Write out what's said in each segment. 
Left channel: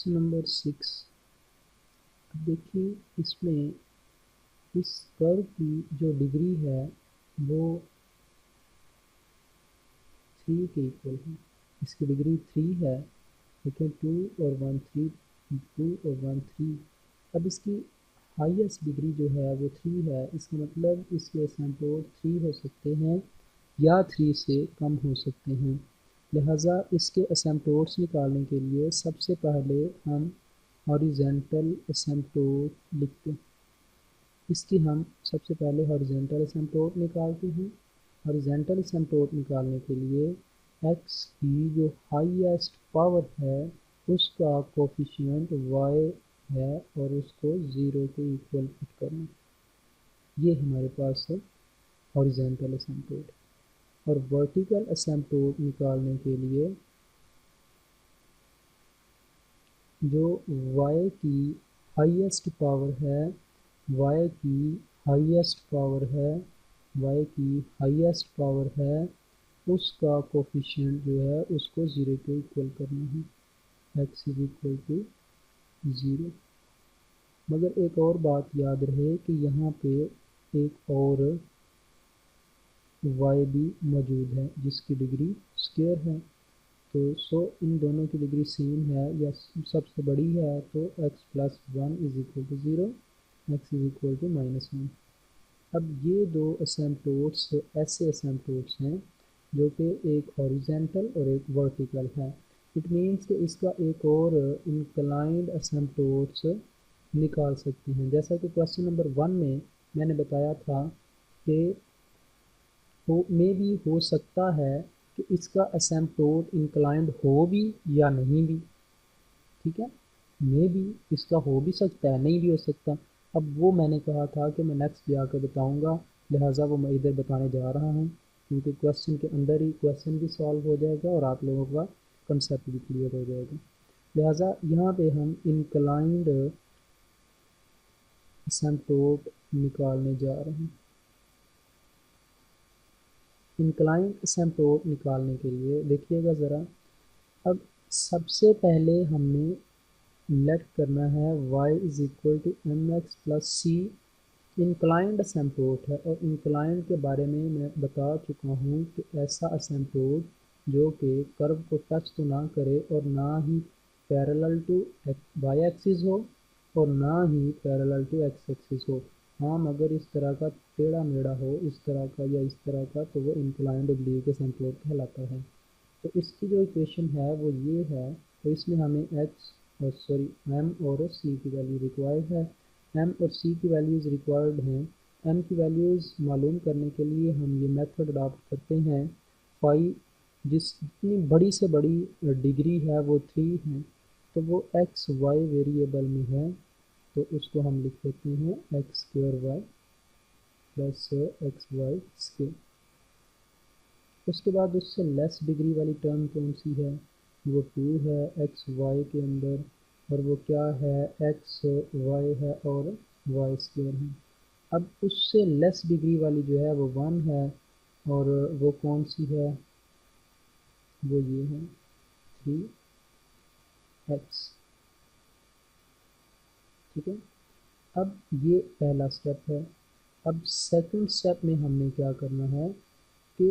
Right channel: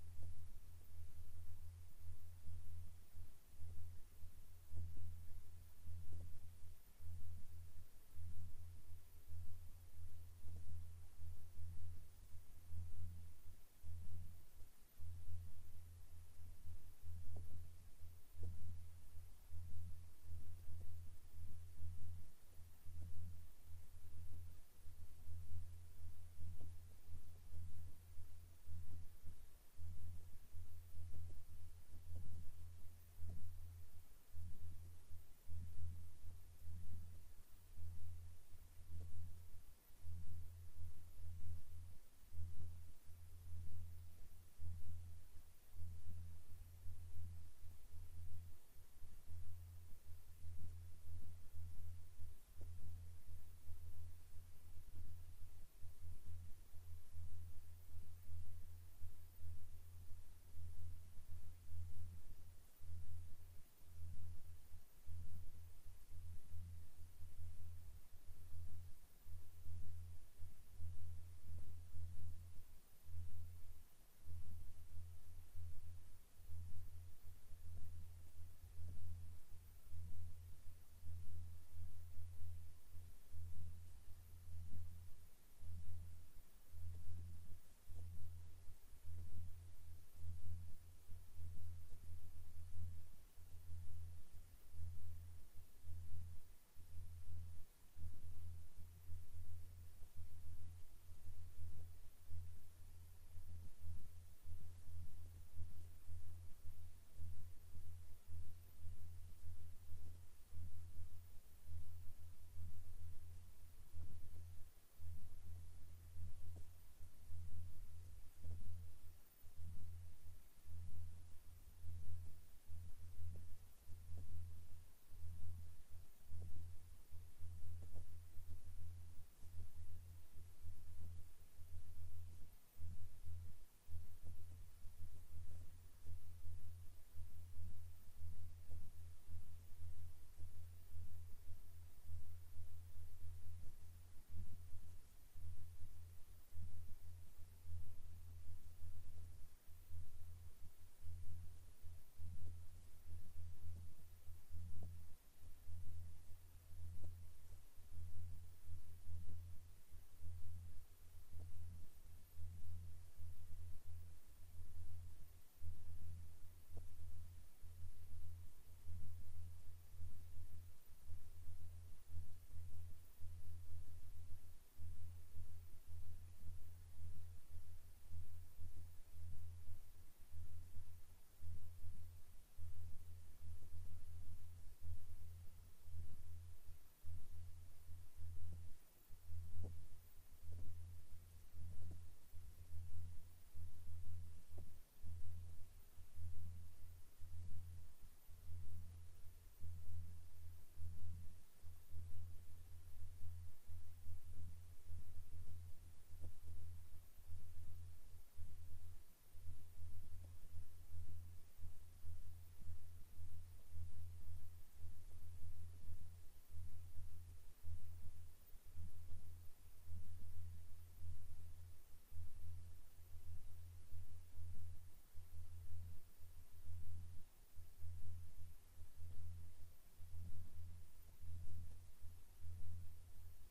Question number 6। देखिए इसमें इस कर्व की जो डिग्री है वो 3 के इक्वल है। इसकी डिग्री 3 है। देखिए 2 और 1 3, 2 और 1 3। अब इसकी हाईएस्ट डिग्री जो है वो 3 है। इसका मतलब इसके एसिम्प्टोट 3 हो सकते हैं या 3 से कम हो सकते हैं। लिहाजा इसके एसिम्प्टोट्स निकालने के लिए सबसे पहले हम हॉरिजेंटल एसिम्प्टोट लिखते हैं। इसकी हम सबसे पहले हॉरिजेंटल एसिम्प्टोट निकालते हैं। हॉरिजेंटल एसिम्प्टोट निकालने के लिए x की जो हाईएस्ट पावर है उसका कोफिशिएंट y है और उसको 0 के इक्वल पुट करना। ये हमारे पास है हॉरिजेंटल एसिम्प्टोट। और वर्टिकल एसिम्प्टोट निकालने के लिए जो y की हाईएस्ट पावर है y की हाईएस्ट पावर है y की हाईएस्ट पावर है उसका कोफिशिएंट जो है उसको 0 के इक्वल करना है। x is equal to 0। मगर एक और बात याद रहे कि यहाँ पे एक और y भी मौजूद है जिसकी डिग्री स्क्वायर है। तो इन दोनों की डिग्री सेम है या सबसे बड़ी है तो x plus 1 is equal to 0, x is equal to -1। अब ये दो एसिम्प्टोट्स ऐसे एसिम्प्टोट्स हैं जो कि एक हॉरिजेंटल और एक वर्टिकल है। इट मीन्स कि इसका एक और इंक्लाइंड एसिम्प्टोट्स निकाल सकते हैं। जैसा कि क्वेश्चन नंबर 1 में मैंने बताया था कि हो सकता है कि इसका एसिम्प्टोट इंक्लाइंड हो भी या नहीं भी। ठीक है, मे भी इसका हो भी सकता है, नहीं भी हो सकता। अब वो मैंने कहा था कि मैं नेक्स्ट जाकर बताऊंगा, लिहाजा वो मैं इधर बताने जा रहा हूँ क्योंकि क्वेश्चन के अंदर ही क्वेश्चन भी सॉल्व हो जाएगा और आप लोगों का कंसेप्ट भी क्लियर हो जाएगा। लिहाजा यहाँ पे हम इंक्लाइंड एसिम्प्टोट निकालने जा रहे हैं। इंक्लाइंड एसिम्प्टोट निकालने के लिए देखिएगा ज़रा। अब सबसे पहले हमने लेट करना है y is equal to M x plus c. Inclined asymptote है और इंक्लाइंड के बारे में मैं बता चुका हूँ कि ऐसा एसिम्प्टोट जो कि कर्व को टच तो ना करे और ना ही पैरेलल टू वाई एक्सिस हो और ना ही पैरेलल टू एक्स एक्सिस हो। हाँ, मगर इस तरह का टेढ़ा मेढ़ा हो, इस तरह का या इस तरह का, तो वो इंक्लाइंड ओब्लीक एसिम्प्टोट कहलाता है। तो इसकी जो इक्वेशन है वो ये है। तो इसमें हमें एम और सी की वैल्यू रिक्वायर्ड है। एम और सी की वैल्यूज़ रिक्वायर्ड हैं। एम की वैल्यूज़ मालूम करने के लिए हम ये मेथड अडॉप्ट करते हैं। फाई जितनी बड़ी से बड़ी डिग्री है वो 3 है, तो वो एक्स वाई वेरिएबल में है, तो उसको हम लिख लेते हैं x square y plus x y square. उसके बाद उससे लेस डिग्री वाली टर्म कौन सी है, वो 2 है एक्स वाई के अंदर, और वो क्या है, एक्स वाई है और वाई स्क्वायर है। अब उससे लेस डिग्री वाली जो है वो 1 है, और वो कौन सी है, वो ये है 3x। ठीक है, अब ये पहला स्टेप है। अब सेकंड स्टेप में हमने क्या करना है कि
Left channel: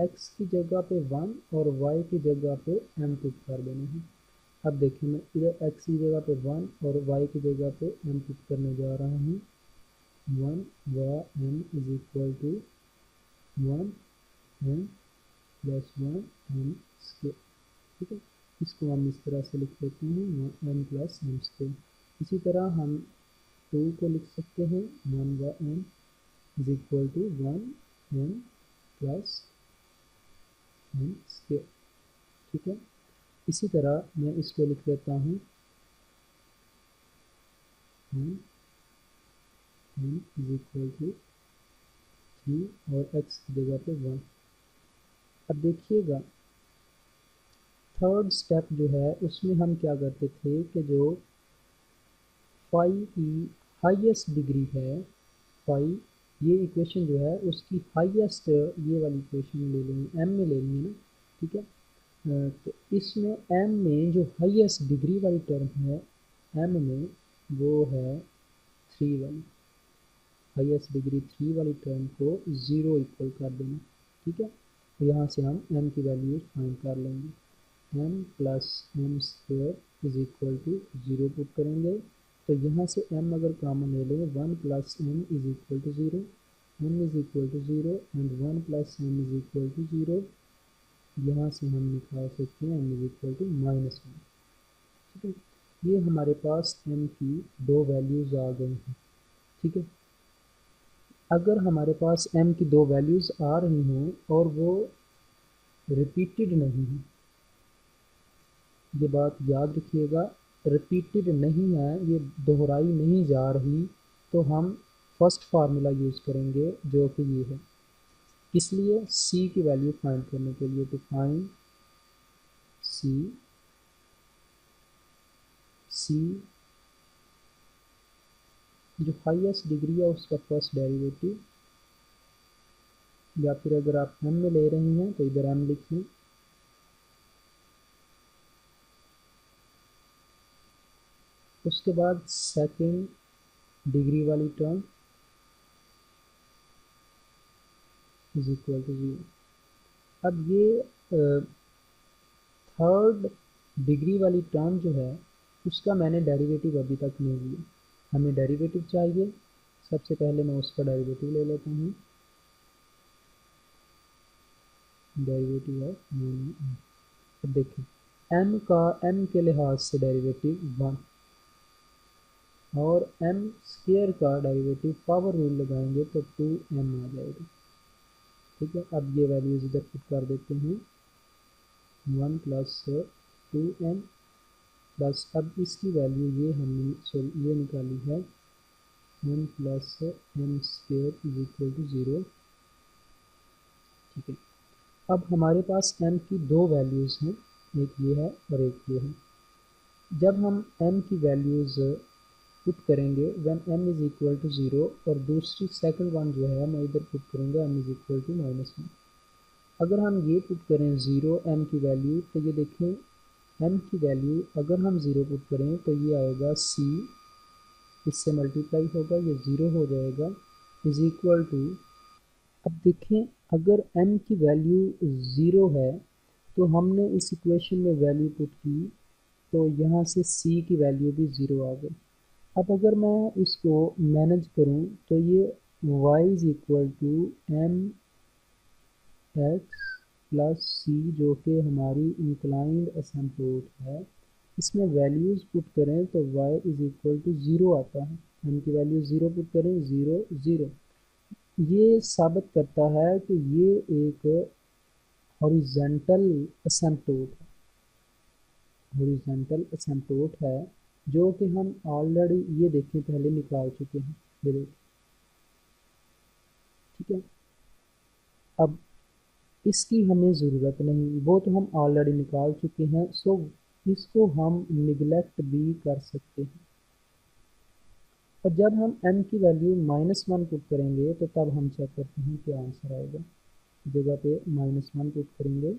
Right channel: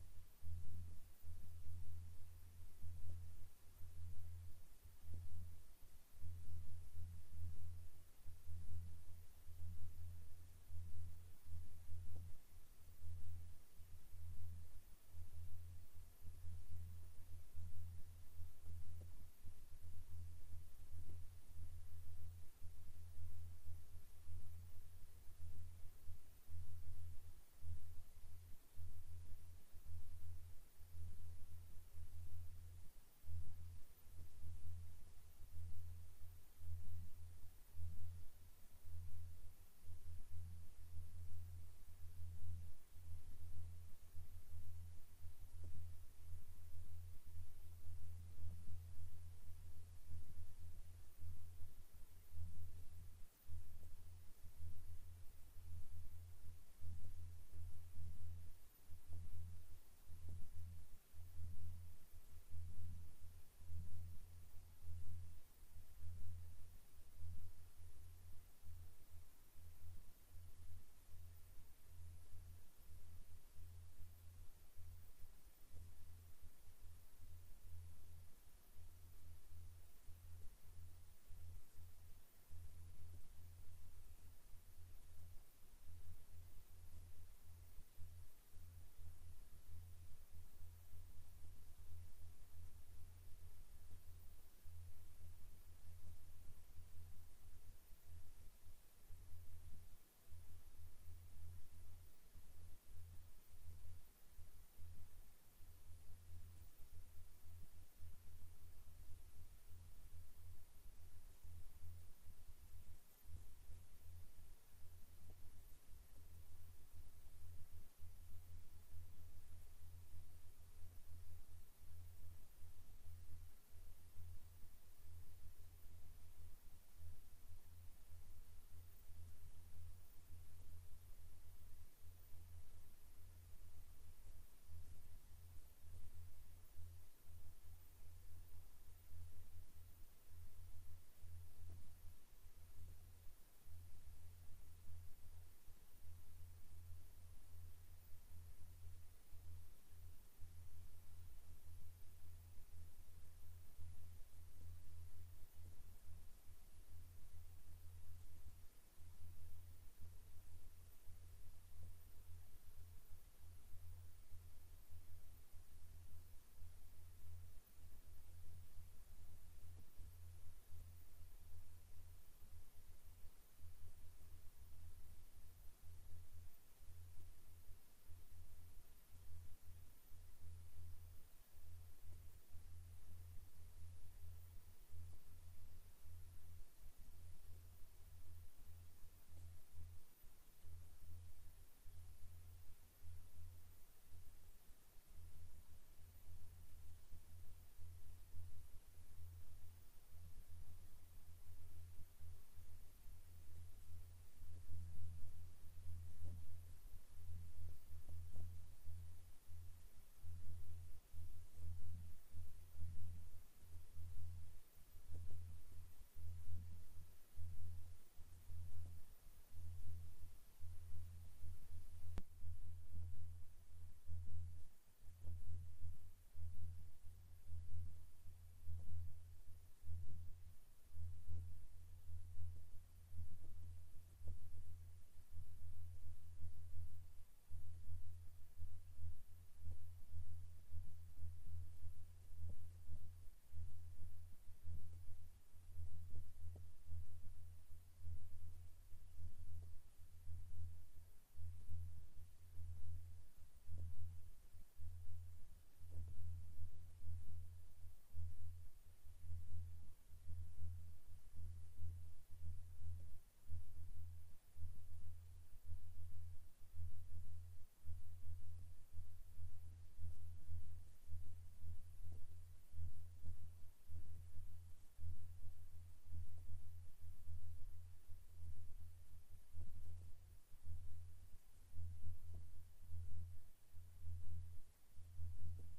x की जगह पे 1 और y की जगह पे m पुट कर देना है। अब देखिए मैं इधर x की जगह पे 1 और y की जगह पे m पुट करने जा रहा हूँ। 1 व m is equal to 1 m plus 1 m square. ठीक है, इसको हम इस तरह से लिख लेते हैं m प्लस m स्क्वायर। इसी तरह हम 2 को लिख सकते हैं 1 व m is equal to 1 m plus m square. ठीक है, इसी तरह मैं इसको लिख लेता हूँ m इज इक्वल टू 3 और x की जगह पे 1। अब देखिएगा थर्ड स्टेप जो है उसमें हम क्या करते थे कि जो फाई की हाईएस्ट डिग्री है, फाई ये इक्वेशन जो है उसकी हाईएस्ट ये वाली इक्वेशन ले लेंगे, m में ले लेंगे ना। ठीक है, तो इसमें m में जो हाईएस्ट डिग्री वाली टर्म है m में वो है 3 वाली, हाईएस्ट डिग्री 3 वाली टर्म को 0 इक्वल कर देना। ठीक है, तो यहाँ से हम m की वैल्यू फाइंड कर लेंगे। m plus m square is equal to 0 put करेंगे, तो यहाँ से m अगर कॉमन ले लें 1 plus m is equal to 0, m is equal to 0 and 1 plus m is equal to 0। यहाँ से हम निकाल सकते हैं m इज इक्वल टू -1। ठीक है, ये हमारे पास m की दो वैल्यूज़ आ गई हैं। ठीक है, अगर हमारे पास m की दो वैल्यूज़ आ रही हों और वो रिपीटेड नहीं है, ये बात याद रखिएगा, रिपीटेड नहीं है, ये दोहराई नहीं जा रही, तो हम फर्स्ट फार्मूला यूज़ करेंगे जो कि ये है। किस लिए? c की वैल्यू फाइंड करने के लिए। तो फाइंड c जो हाईएस्ट डिग्री है उसका फर्स्ट डेरिवेटिव, या फिर अगर आप m में ले रहे हैं तो इधर m लिख लें। उसके बाद सेकेंड डिग्री वाली टर्म इज इक्वल टू 0। अब ये थर्ड डिग्री वाली टर्म जो है उसका मैंने डेरिवेटिव अभी तक नहीं लिया, हमें डेरिवेटिव चाहिए। सबसे पहले मैं उसका डेरिवेटिव ले लेता हूँ, डेरिवेटिव है। अब देखिए m के लिहाज से डेरिवेटिव 1 और m स्क्वायर का डेरिवेटिव पावर रूल लगाएंगे तो 2m आ जाएगा। ठीक है, अब ये वैल्यूज इधर पुट कर देते हैं, 1 प्लस 2m प्लस, अब इसकी वैल्यू ये हमने ये निकाली है 1 plus m square is equal to 0। ठीक है, अब हमारे पास m की दो वैल्यूज़ हैं, एक ये है और एक ये है। जब हम m की वैल्यूज़ पुट करेंगे when m is equal to 0 और दूसरी सेकंड वन जो है मैं इधर पुट करूँगा m इज़ इक्वल टू -1। अगर हम ये पुट करें 0 m की वैल्यू, तो ये देखें m की वैल्यू अगर हम 0 पुट करें तो ये आएगा c, इससे मल्टीप्लाई होगा, ये 0 हो जाएगा, इज़ इक्वल टू। अब देखें अगर m की वैल्यू 0 है तो हमने इस इक्वेशन में वैल्यू पुट की तो यहाँ से c की वैल्यू भी 0 आ गई। अब अगर मैं इसको मैनेज करूं तो ये y is equal to M x plus C जो कि हमारी इंक्लाइंड असिम्प्टोट है, इसमें वैल्यूज़ पुट करें तो y इज इक्वल टू 0 आता है। m की वैल्यू 0 पुट करें 0 0। ये साबित करता है कि ये एक हॉरिजेंटल असिम्प्टोट है, हॉरिजेंटल असिम्प्टोट है जो कि हम ऑलरेडी ये देखें पहले निकाल चुके हैं, ये देखें। ठीक है, अब इसकी हमें ज़रूरत नहीं, वो तो हम ऑलरेडी निकाल चुके हैं, सो इसको हम निगलेक्ट भी कर सकते हैं। और जब हम m की वैल्यू -1 पुट करेंगे तो तब हम चेक करते हैं क्या आंसर आएगा। जगह पे -1 पुट करेंगे,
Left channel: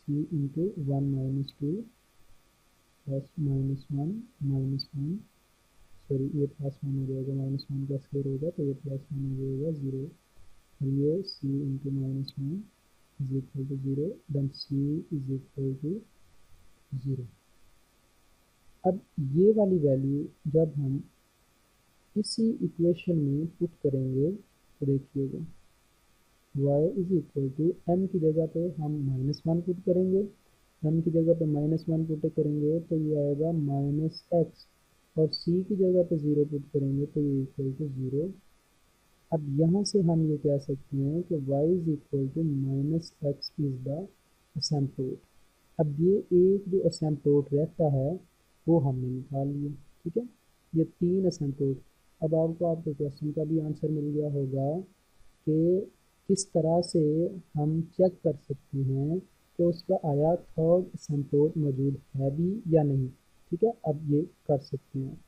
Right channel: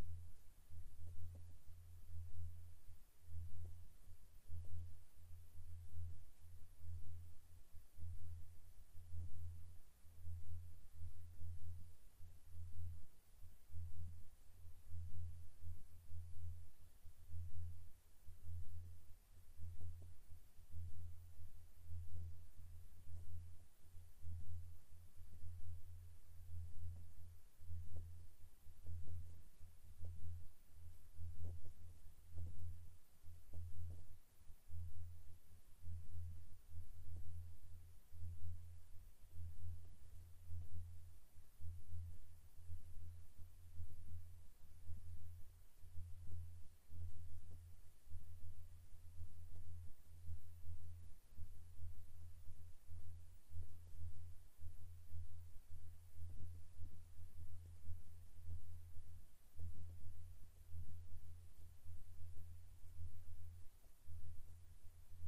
c into 1 minus 2 plus -1 sorry ये +1 हो जाएगा, -1 का स्क्वायर होगा तो ये +1 हो जाएगा 0, और ये c into -1 is equal to 0, then c is equal to 0। अब ये वाली वैल्यू जब हम इसी इक्वेशन में पुट करेंगे तो देखिएगा y is equal to m की जगह पे हम -1 पुट करेंगे, m की जगह पे -1 पुट करेंगे तो ये आएगा -x, और c की जगह पे 0 पुट करेंगे तो ये इक्वल टू 0। अब यहाँ से हम ये कह सकते हैं कि y is equal to -x is the asymptote. अब ये एक जो असिम्प्टोट रहता है वो हमने निकाल लिया। ठीक है, ये 3 असिम्प्टोट। अब आपको आपके क्वेश्चन का भी आंसर मिल गया होगा कि किस तरह से हम चेक कर सकते हैं कि उसका आया थर्ड असिम्प्टोट मौजूद है भी या नहीं। ठीक है, अब ये कर सकते हैं।